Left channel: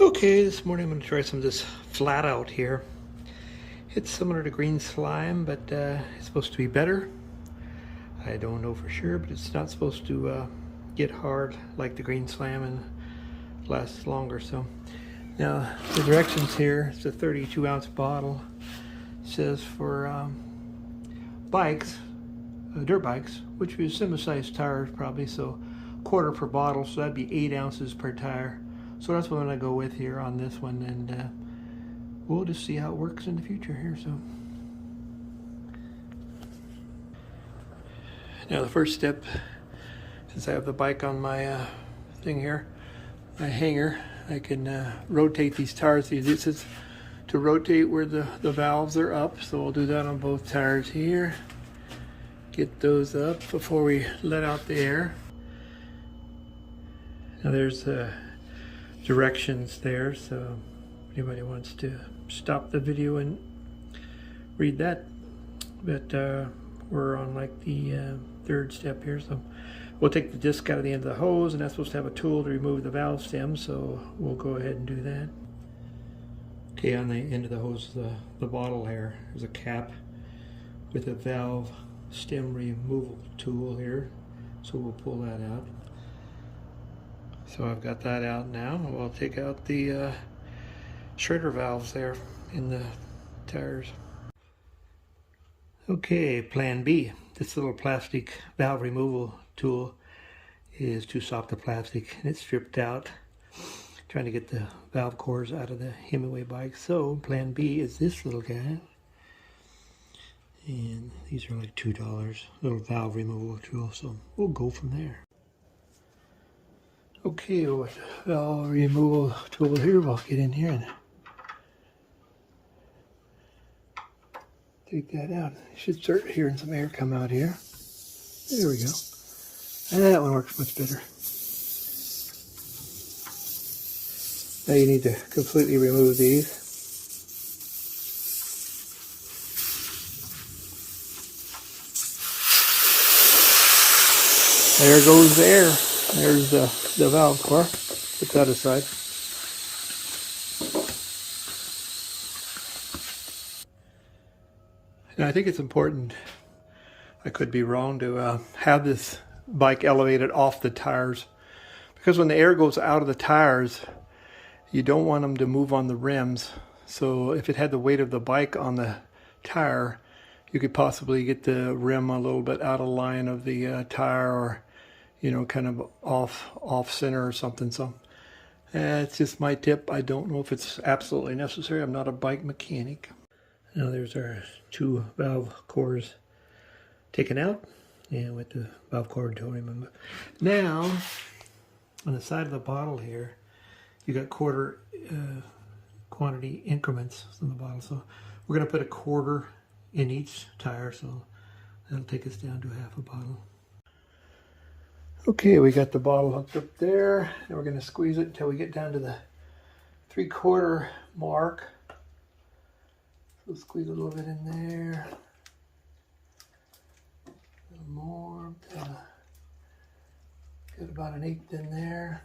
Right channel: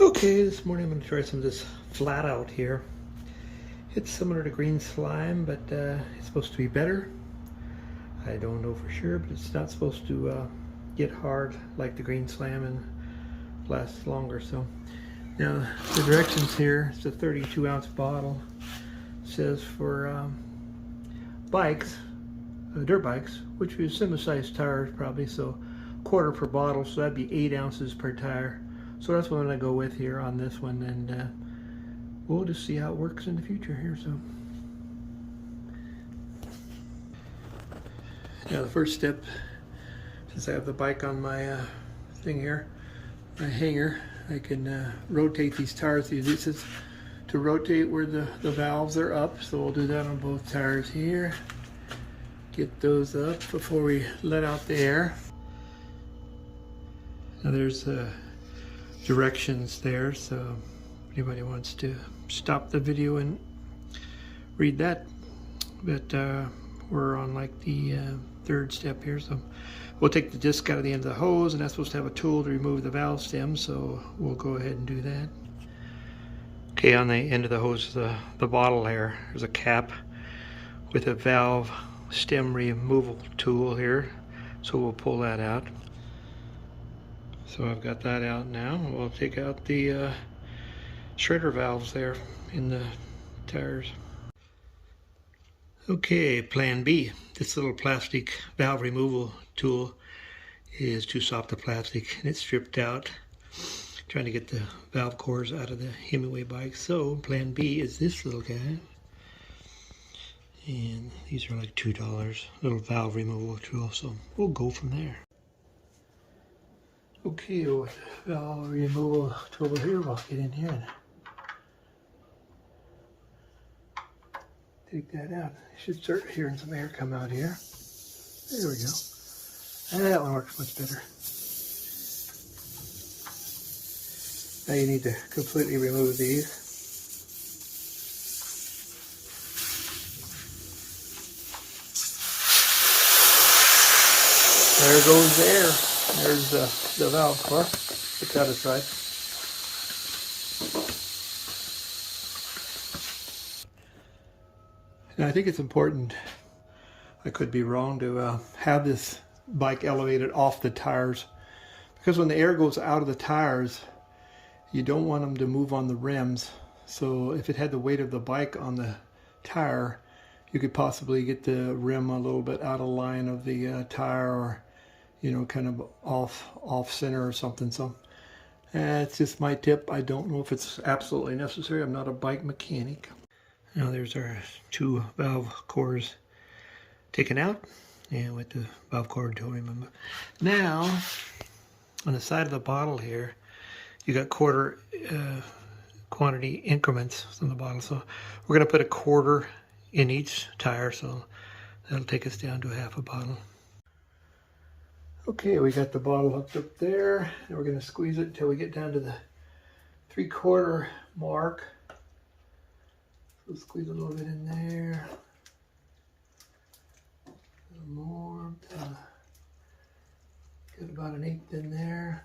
Okay, this morning I'm going to try some of this flat out here. It's similar to green slime, but it's supposed to be better. I don't know for sure, but it's not supposed to get hard like the green slime and last longer. So now the directions here, it's a 32-ounce bottle. It says for bikes, dirt bikes, which is similar sized tires probably, so quarter per bottle, so that'd be 8 ounces per tire. So that's what I'm going to go with here on this one, and we'll just see how it works in the future here. So now the first step, since I have the bike on my thing here, my hanger, I can rotate these tires. This is to rotate where the valves are up, so we'll do that on both tires here. Get those up before we let out the air. Now there's directions there, so if anybody wants to stop the video and read that. But we're on like the third step here, so we'll take the disc out of the end of the hose, and that's supposed to have a tool to remove the valve stem, so we'll go ahead and do that. Okay, on the end of the hose, the bottle there, there's a cap with a valve stem removal tool here, so we'll pull that out. So I've got that out now. We'll take out the shredder valves there in the tires. Okay, plan B. This little plastic valve removal tool is too soft the plastic, and it's stripped out. Trying to get the valve cores out of the Himiway bike. So plan B is this little guy. And these are like $2, little valve removal tool, so we'll go from there. Okay, with the valve removal tool here, we'll get in here and take that out. You should start hearing some air come out here. There we go. And that one works much better. Now you need to completely remove these. There goes the air. There's the valve core. Put that aside. And I think it's important, I could be wrong, to have this bike elevated off the tires, because when the air goes out of the tires, you don't want them to move on the rims. So if it had the weight of the bike on the tire, you could possibly get the rim a little bit out of line of the tire, or kind of off center or something. So it's just my tip. I don't know if it's absolutely necessary. I'm not a bike mechanic. Now there's our two valve cores taken out, and with the valve cord to remember. Now on the side of the bottle here, you got quarter quantity increments on the bottle. So we're going to put a quarter in each tire, so that'll take us down to half a bottle. Okay, we got the bottle hooked up there, and we're going to squeeze it until we get down to the 3/4 mark. So squeeze a little bit in there. A little more. Get about an 1/8 in there.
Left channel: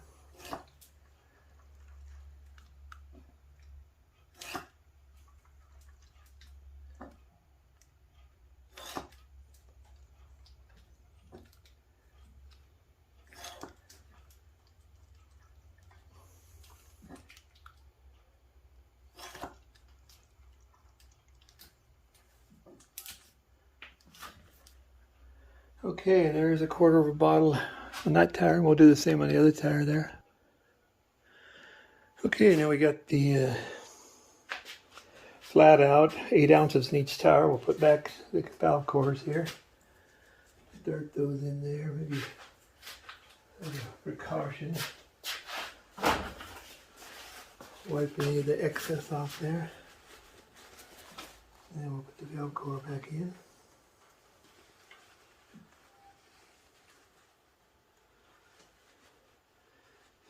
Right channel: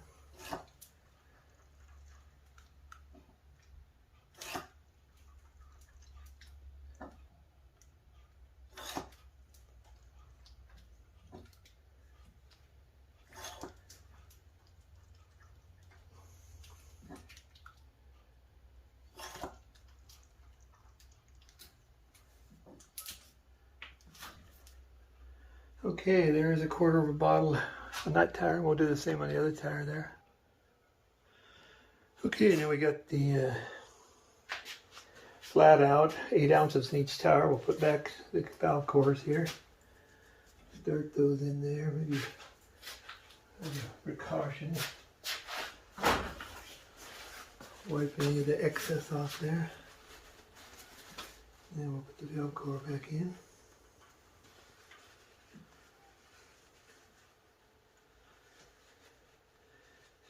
Okay, there's a quarter of a bottle on that tire, and we'll do the same on the other tire there. Okay, now we got the flat out, 8 ounces in each tire. We'll put back the valve cores here. Start those in there, maybe as a precaution. Wipe any of the excess off there. And we'll put the valve core back in.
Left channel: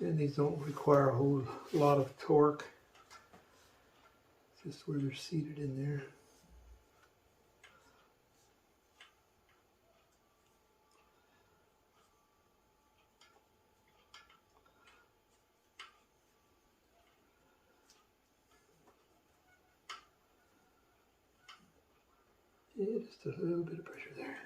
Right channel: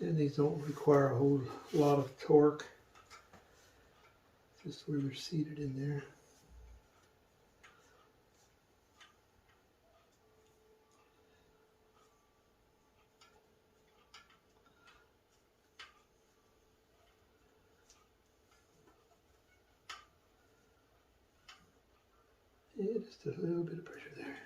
And these don't require a whole lot of torque, just where they're seated in there. Yeah, just a little bit of pressure there.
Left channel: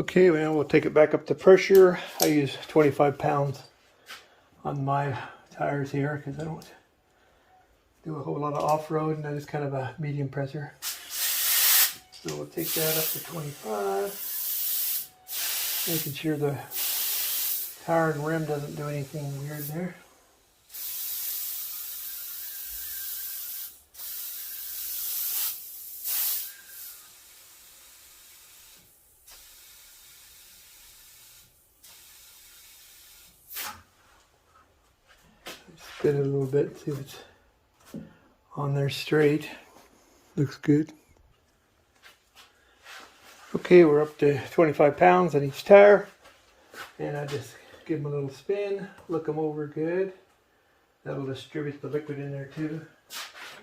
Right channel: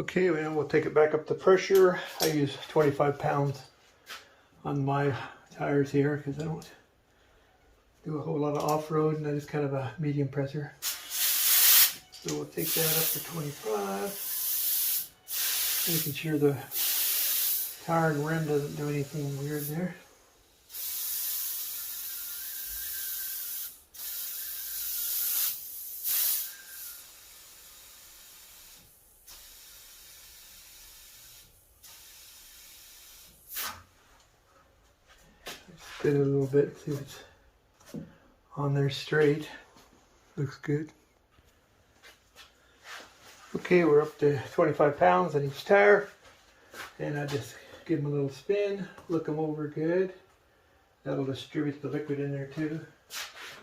Okay, well, we'll take it back up to pressure. I use 25 pounds on my tires here because I don't do a whole lot of off-road, and I just kind of a medium pressure. So we'll take that up to 25, making sure the tire and rim doesn't do anything weird there. Spin it a little bit, see if it's on there straight. Looks good. Okay, we're up to 25 pounds on each tire, and I just give them a little spin, look them over good. That'll distribute the liquid in there too.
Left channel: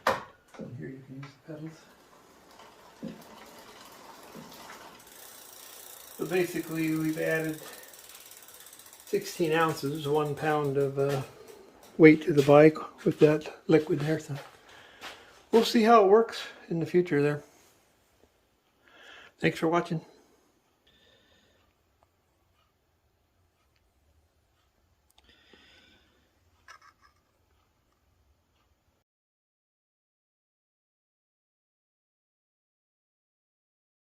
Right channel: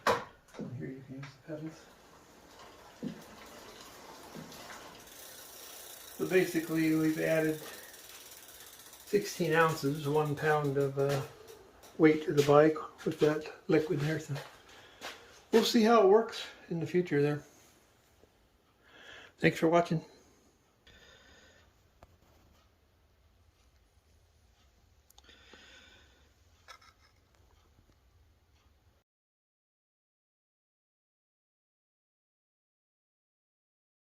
And here you can use the pedals. So basically we've added 16 ounces, 1 pound of weight to the bike with that liquid there. So we'll see how it works in the future there. Thanks for watching.